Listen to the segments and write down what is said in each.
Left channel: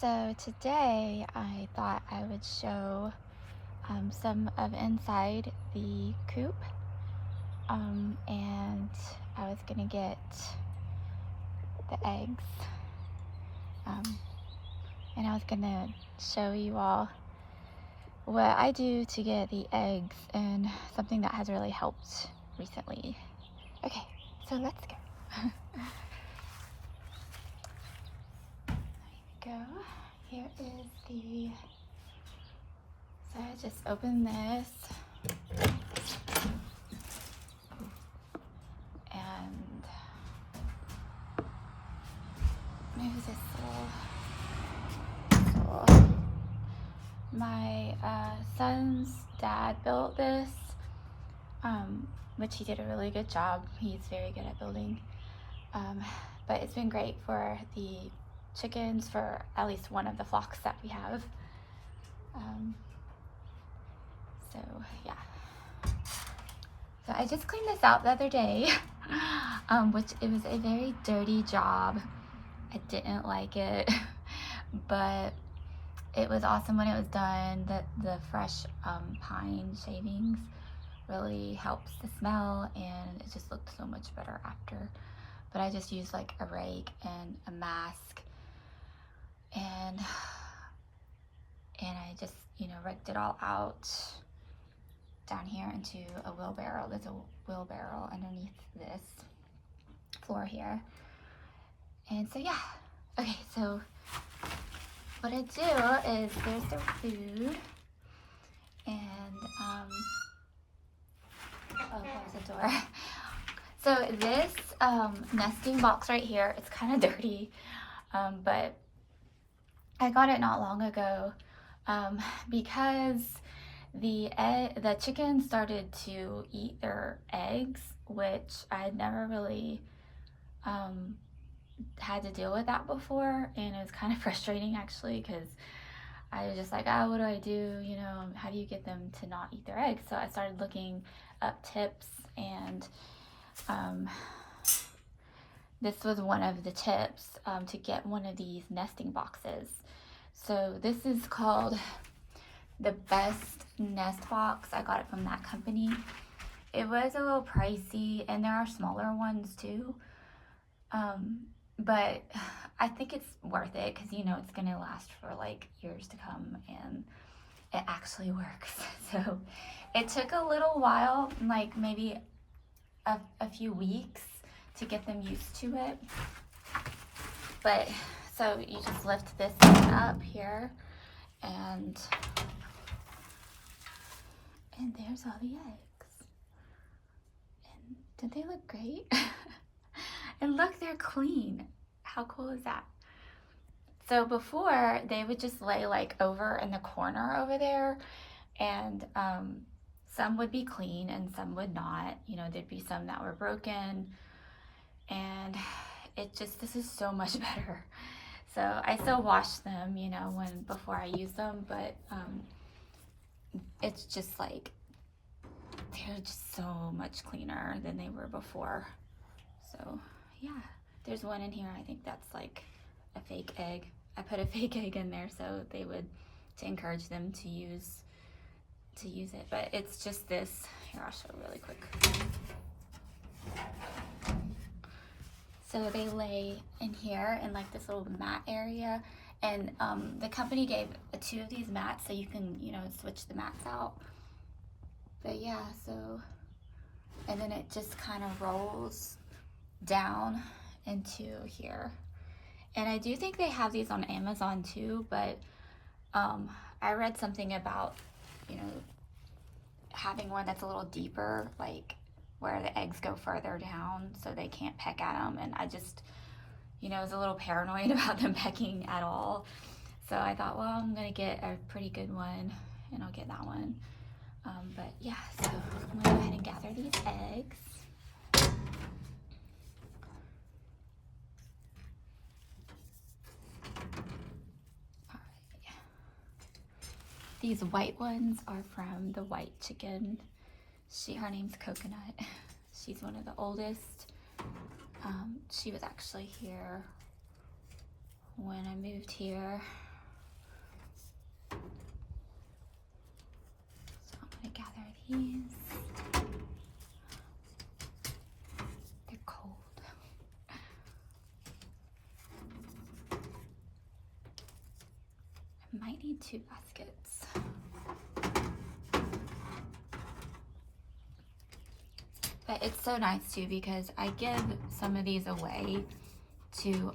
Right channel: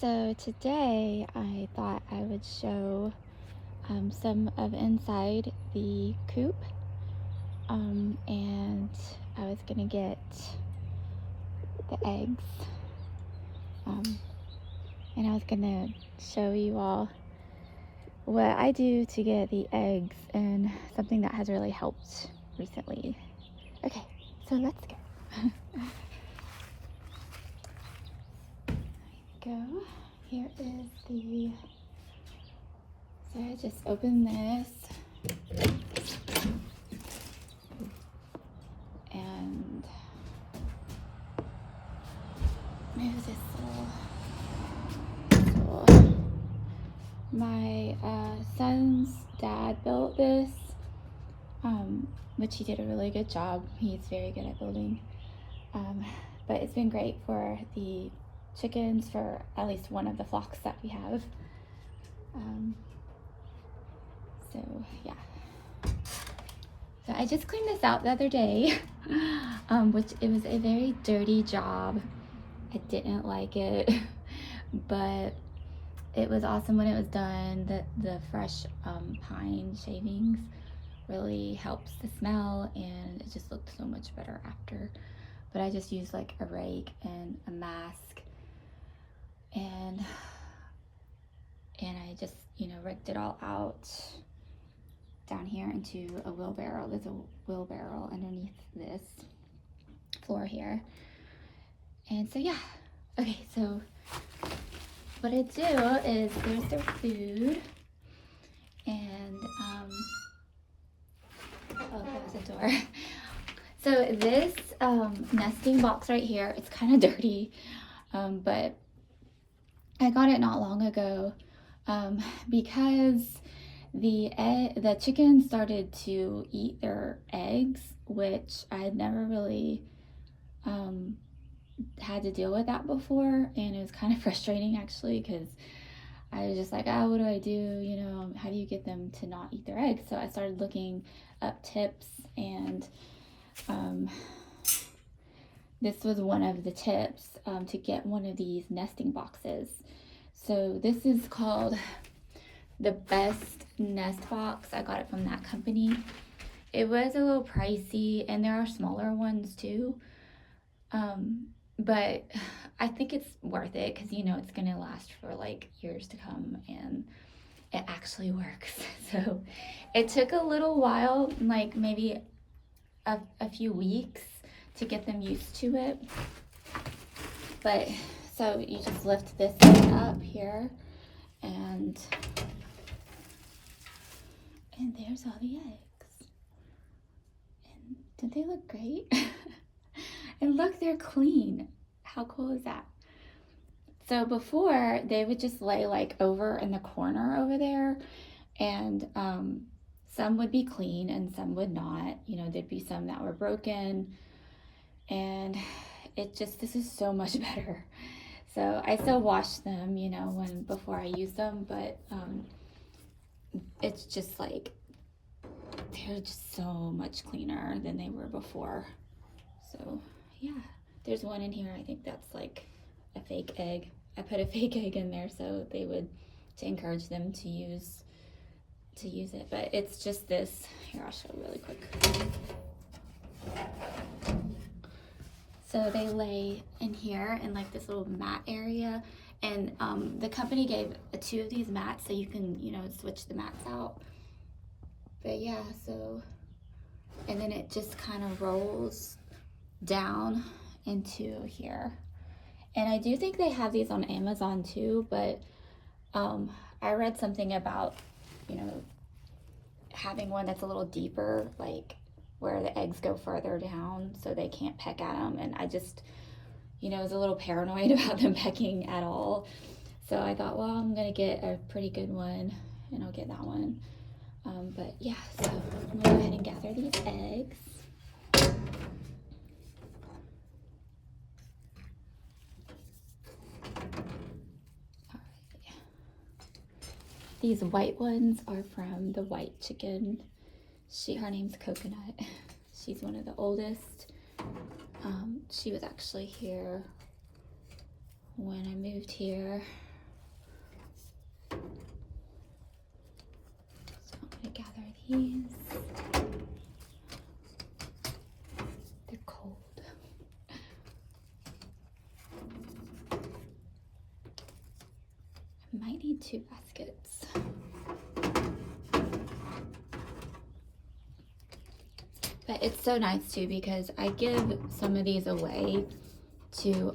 So today I thought I would show some of inside the coop, and I was gonna get the eggs, um, and I was gonna show you all what I do to get the eggs and something that has really helped recently. Okay, so let's go. Here we go. Here is the, so I just opened this and move this little. My son's dad built this, which he did a really good job. He's very good at building, but it's been great for the chickens, for at least one of the flocks that we have. So yeah. So I just cleaned this out the other day, which it was a very dirty job. I didn't like it, but it was awesome when it was done. The fresh pine shavings really helps the smell, and it just looked so much better after. But I just used like a rake and a mask, and I just, raked it all out down here into a wheelbarrow. There's a wheelbarrow underneath this floor here. And so yeah, okay, so what I do is there's their food, and oh, there's a door. So this nesting box right here, it's kind of dirty, but I got it not long ago because the chickens started to eat their eggs, which I had never really had to deal with that before, and it was kind of frustrating actually, because I was just like, oh, what do I do? How do you get them to not eat their eggs? So I started looking up tips, and this was one of the tips to get one of these nesting boxes. So this is called the Best Nest Box. I got it from that company. It was a little pricey, and there are smaller ones too, but I think it's worth it because it's gonna last for like years to come, and it actually works. So it took a little while, like maybe a few weeks, to get them used to it. But so you just lift this up here, and there's all the eggs. And don't they look great? And look, they're clean. How cool is that? So before, they would just lay like over in the corner over there, and some would be clean and some would not. There'd be some that were broken, and this is so much better. So I still wash them, before I use them, but it's just like, they're just so much cleaner than they were before. So yeah, there's one in here, I think that's like a fake egg. I put a fake egg in there so to encourage them to use it, but it's just this. Here, I'll show really quick. So they lay in here in like this little mat area, and the company gave 2 of these mats so you can switch the mats out. But yeah, so, and then it just kind of rolls down into here. And I do think they have these on Amazon too, but I read something about having one that's a little deeper, like where the eggs go further down so they can't peck at them, and I just was a little paranoid about them pecking at all. So I thought, well, I'm gonna get a pretty good one, and I'll get that one. But yeah, so I'm gonna go ahead and gather these eggs. These white ones are from the white chicken. Her name's Coconut. She's one of the oldest. She was actually here when I moved here. might need 2 baskets. But it's so nice too because I give some of these away to,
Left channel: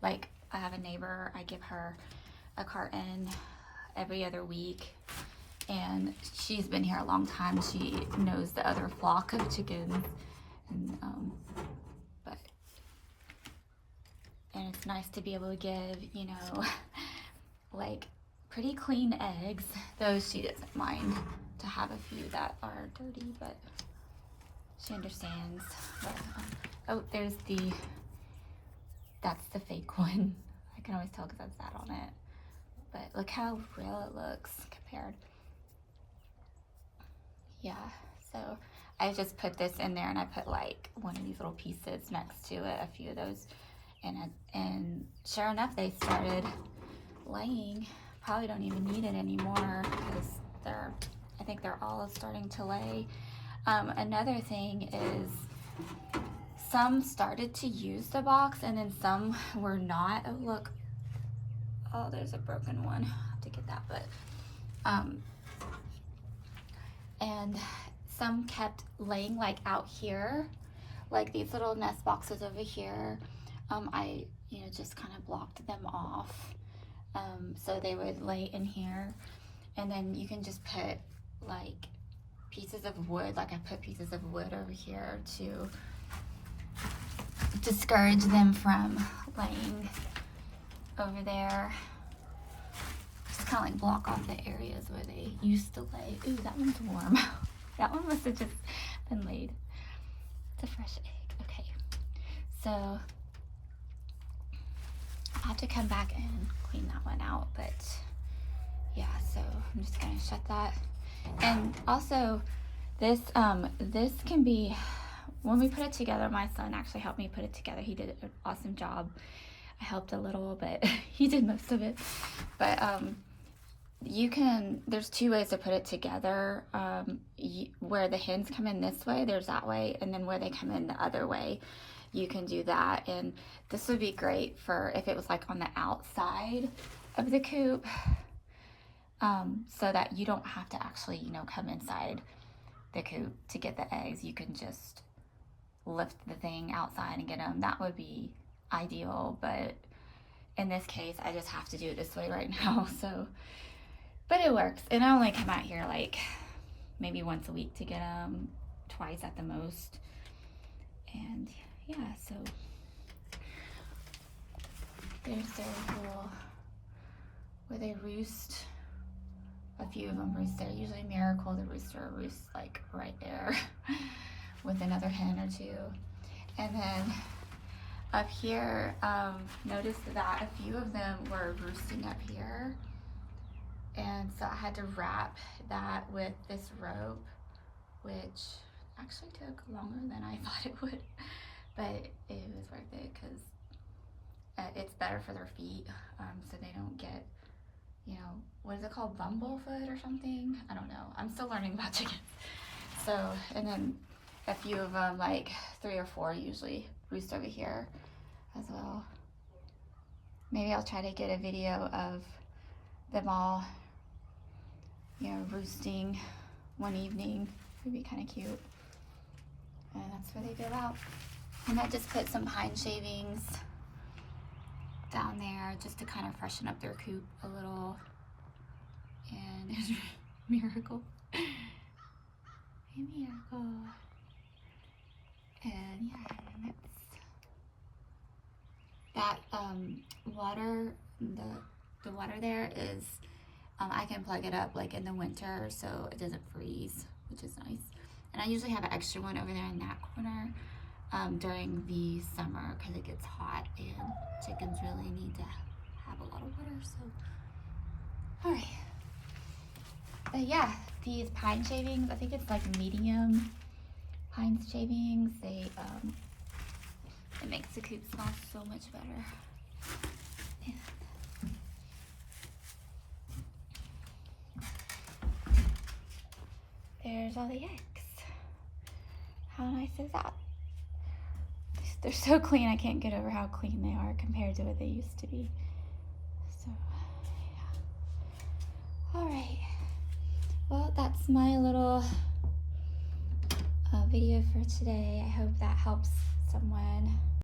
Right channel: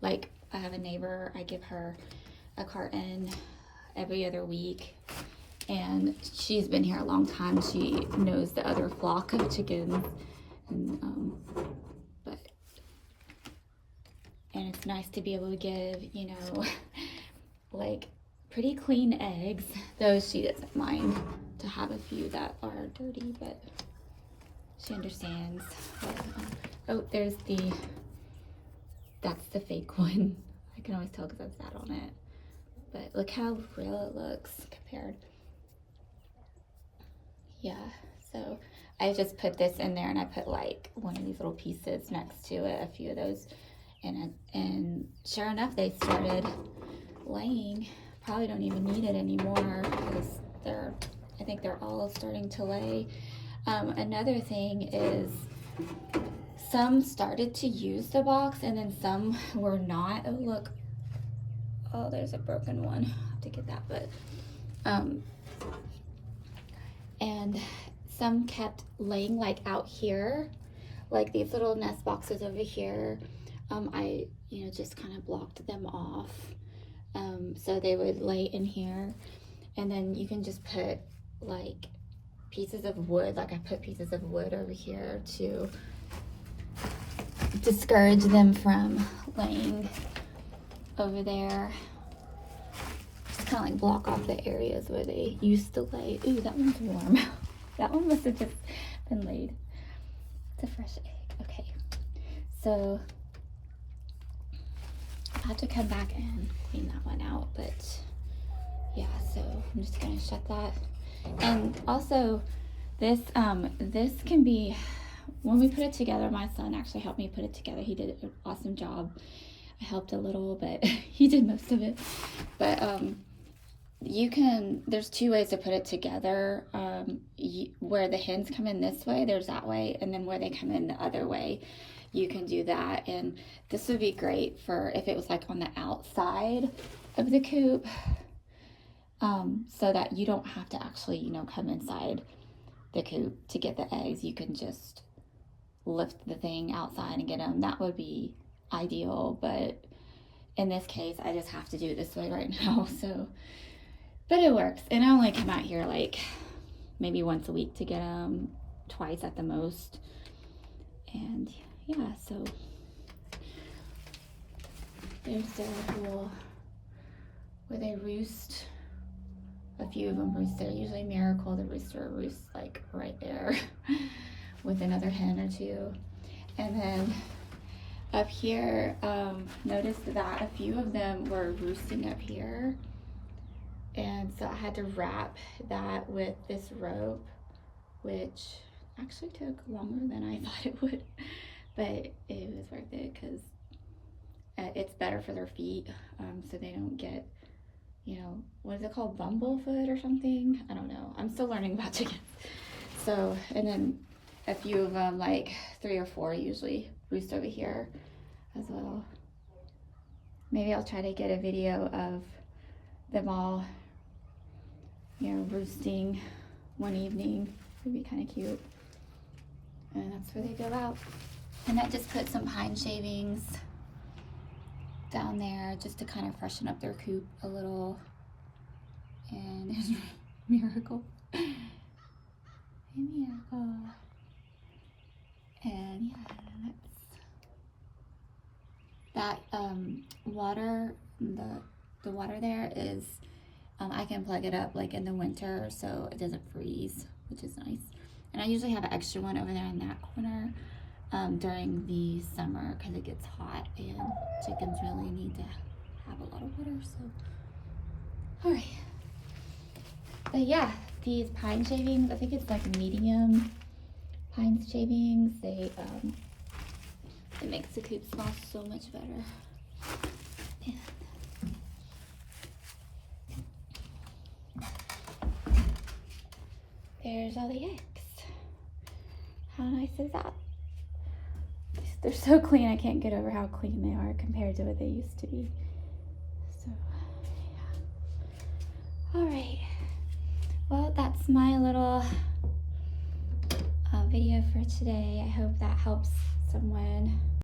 like I have a neighbor, I give her a carton every other week, and she's been here a long time. She knows the other flock of chickens, and and it's nice to be able to give, you know, like pretty clean eggs. Those she doesn't mind to have a few that are dirty, but she understands. But, oh, there's that's the fake one. I can always tell because that's that on it. But look how real it looks compared. Yeah, so I just put this in there, and I put like one of these little pieces next to it, a few of those. And sure enough, they started laying. Probably don't even need it anymore because I think they're all starting to lay. Another thing is some started to use the box and then some were not. Oh, look. Oh, there's a broken one. I'll have to get that, but and some kept laying like out here, like these little nest boxes over here. I, you know, just kind of blocked them off. So they would lay in here, and then you can just put like pieces of wood, like I put pieces of wood over here to discourage them from laying over there. Just kind of like block off the areas where they used to lay. Ooh, that one's warm. That one must have just been laid. It's a fresh egg. Okay, so I'll have to come back and clean that one out, but yeah, so I'm just gonna shut that. And also this can be, when we put it together, my son actually helped me put it together. He did an awesome job. I helped a little, but he did most of it. But there's 2 ways to put it together. Where the hens come in this way, there's that way, and then where they come in the other way, you can do that. And this would be great for if it was like on the outside of the coop, so that you don't have to actually, you know, come inside the coop to get the eggs. You can just lift the thing outside and get them. That would be ideal, but in this case I just have to do it this way right now. So, but it works. And I only come out here like maybe once a week to get them, twice at the most. And yeah, so there's their little, where they roost. A few of them roost there. Usually Miracle, the rooster, roosts like right there with another hen or 2. And then up here, notice that a few of them were roosting up here. And so I had to wrap that with this rope, which actually took longer than I thought it would, but it was worth it because it's better for their feet, so they don't get, you know, what is it called, bumblefoot or something? I don't know. I'm still learning about chickens. So, and then a few of them, like 3 or 4 usually, roost over here as well. Maybe I'll try to get a video of them all, you know, roosting one evening. Would be kind of cute. And that's where they go out. And I just put some pine shavings down there just to kind of freshen up their coop a little. And there's Miracle. Hey, Miracle. And yeah, and that water, the water there is, I can plug it up like in the winter so it doesn't freeze, which is nice. And I usually have an extra one over there in that corner during the summer because it gets hot and chickens really need to have a lot of water. So, all right. But yeah, these pine shavings, I think it's like medium pine shavings. It makes the coop smell so much better. Yeah. There's all the eggs. How nice is that? They're so clean. I can't get over how clean they are compared to what they used to be. So, yeah. All right. Well, that's my little video for today. I hope that helps someone.